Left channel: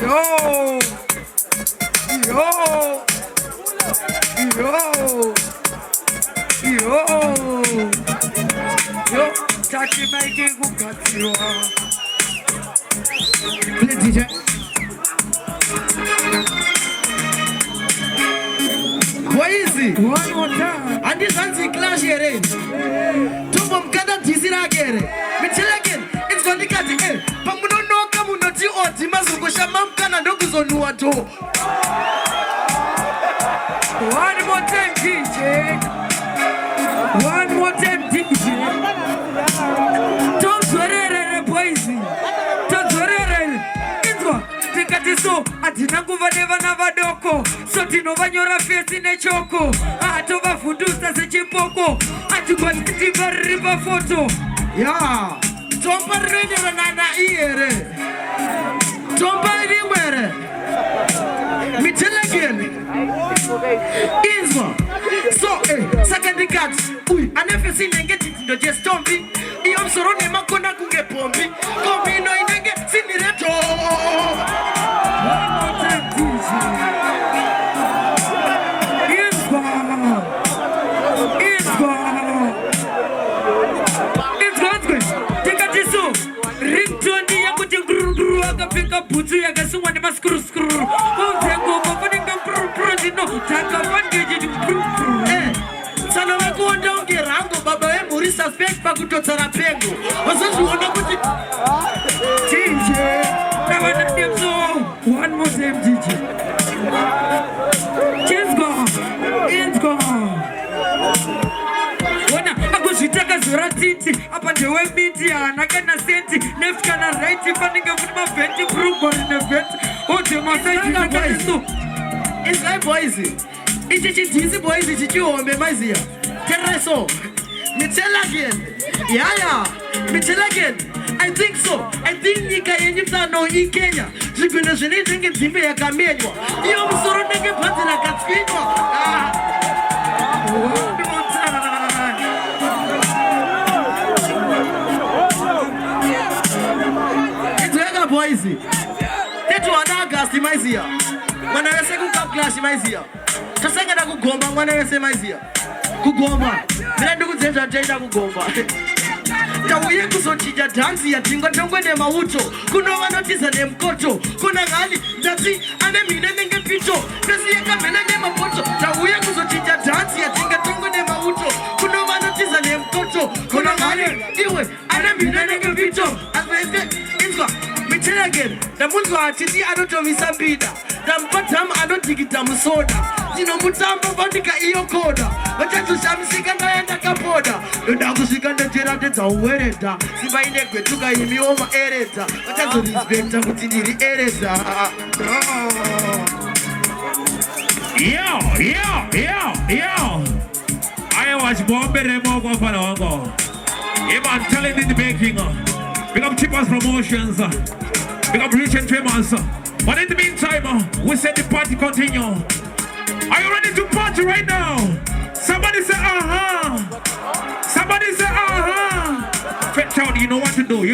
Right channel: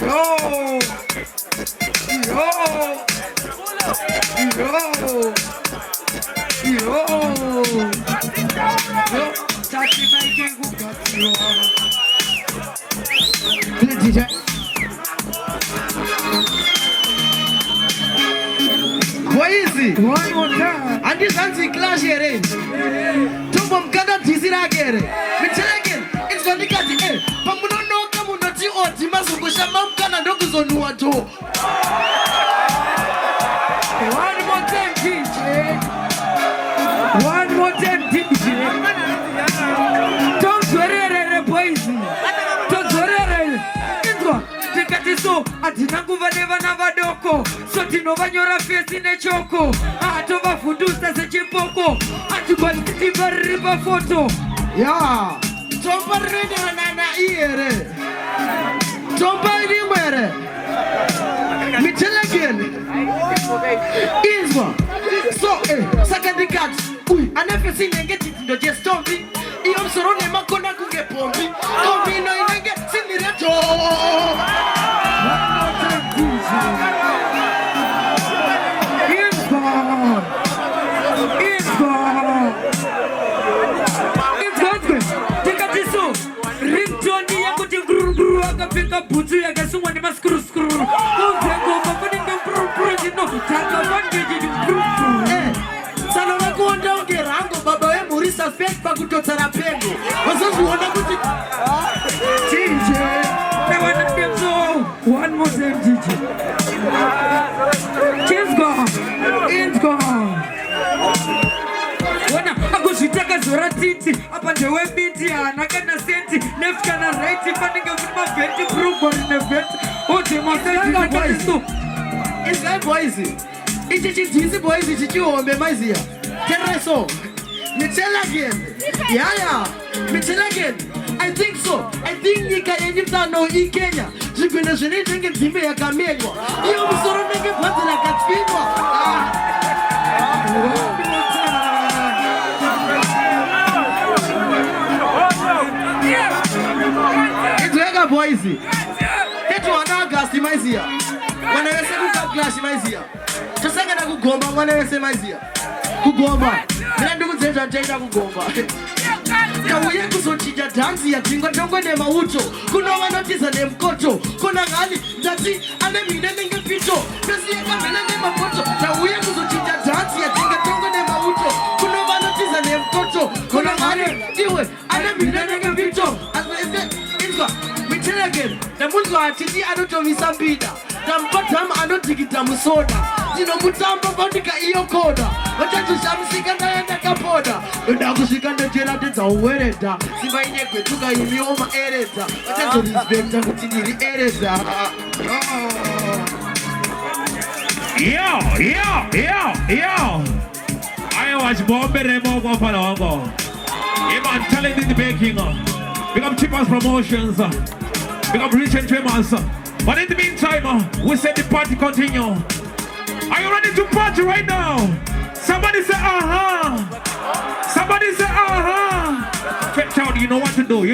Yo. Touchy making who got you on. DJ. What is it? One more time. And this anti clash here. Tumbo mkanda tizira here. Michelegen. It's gonna get the air. Pamuno no kamunoti oti mazuko shama mkana ndogo zonu watu. One more time, DJ. One more time, DJ. Don't worry, boys. Don't worry. Intro. Tikatiso. Atinangu vaneva na vadoko. Sotino vanyora fesi ne choko. Atova fundusta se chimpoko. Atukwa tiba riba foto. Yeah. Tomba rene na iere. Tomba anywhere. Michelegen. Isma. So, second cat. Ui, I never seen them get it. They're just stomping. I'm sorry, I'm gonna go get pumping. Come in, I get seen it at all. Isma. It's good. Take a tissue. Ring Johnny, I'm going to grew up the pick up, put you against someone in my screw. Don't take over. No, Tata one digit. Salama go down the rango, Baba Morisa fake Baguto Tarapengo. Was this one? DJ, never let me go. One more time, DJ. Just gone. It's gone. I go to take a Zoratiti up on the web media and I can send it. Left can I write it, funding of my 20 proof on the vet. Oh, to my friend, it's like boys. It's just boys. It's you on the Mazia. Terreso. Mitchell again. Yeah. Mitchell again. I think so. I think you can know in Kenya. You can actually drink and give me a cameo. You also don't make it party like a fever. It's like a boys. That's what I got in Mazia. When I say go clash Mazia. Just like I go gomba when I say Mazia. Go gomba. Then I do the Jada go gomba. Tawuye kuzochija dansi ya tingo tongwe ne mauto. Kuna wanotisa ne mkoto. Kuna ngali dati ane minene nge picho. Dasi ya kamele ne makoto. Tawuye kuzochija dansi ya tingo tongwe ne mauto. Kuna wanotisa ne mkoto. Kuna ngali iwe ane minene nge picho. Asweze imzwa. Michele again. Tamunzwa atiti adoto misambida. Tampatam anotikita musoda. Zino mutamba bandika iyo koda. Watatu shamsika naenda kapoda. Yonda kushikanda jirate za uwereta. Simba inekwe tuka yumi oma ereta. Watatu rizbenta kutindiri ereta. Yo. I was Bombay Remo go for Longo. I'm telling in the baking. Become cheapest promotions. Become rich and famous. But in the meantime, we said the party continue. Are you ready to party right now? Somebody say, Somebody say, Fetch out, you know what to do.